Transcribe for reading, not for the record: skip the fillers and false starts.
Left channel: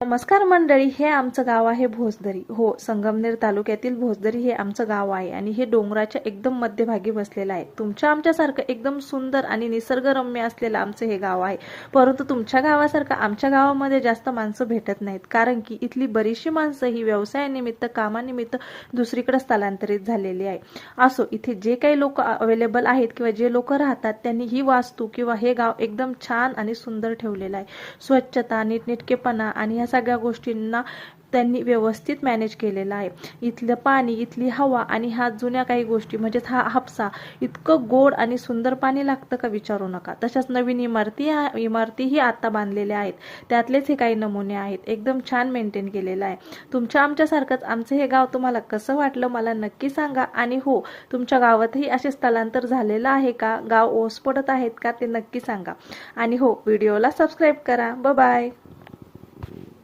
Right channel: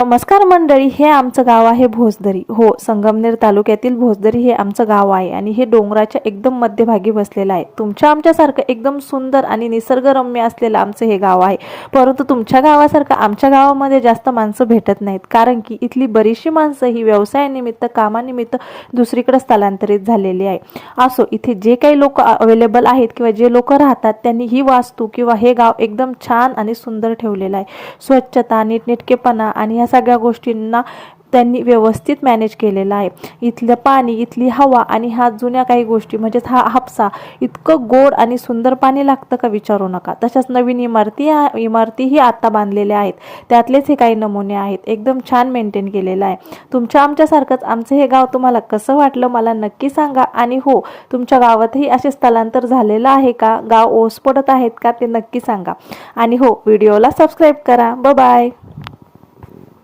नमस्कार मंडळी, हे आमचं गाव आहे भोसदरी. हो, संगमनेर तालुक्यातील भोसदरी हे आमचं गाव आहे आणि हे डोंगराच्या एकदम मध्यभागी बसलेलं आहे. तुमच्या आमच्यासारखं एकदम सुंदर आणि निसर्गरम्य असलेलं आमचं हे गाव आहे. परंतु तुमच्या गावासारखं आमच्या गावामध्ये जास्त माणसं भेटत नाहीत, कारण की इथली बरीचशी माणसं ही व्यवसायानिमित्त, कामानिमित्त दुसरीकडे स्थलांतरित झालेली आहे. असो, इथे जे काही लोक अवेलेबल आहेत किंवा जे लोक राहतात त्यांनी ही वास्तू किंवा हे गाव एकदम छान आणि सुंदर ठेवलेलं आहे. स्वच्छता, नीटनेटकेपणा आणि ह्या सगळ्या गोष्टींना त्यांनी व्यवस्थित मॅनेज केलेला आहे. इथलं पाणी, इथली हवा आणि ह्या जुन्या काही गोष्टी म्हणजे हा हापसा, इतकं गोड आणि सुंदर पाणी लागतं का विचारू नका. तशाच नवीन इमारतीही आता बांधलेल्या आहेत. त्यातलेच हे काही नमुने आहेत. एकदम छान मेंटेन केलेलं आहे. तुमच्या आमच्यासारखंच आमचं हे गाव तुम्हाला कसं वाटलं मला नक्की सांगा. आणि हो, तुमच्या गावातही असे स्थलांतर झालेलं आहे का, गाव ओस पडत आहेत का, ते नक्की सांगा. आणि हो, व्हिडिओला सबस्क्राईब करा. Bye bye.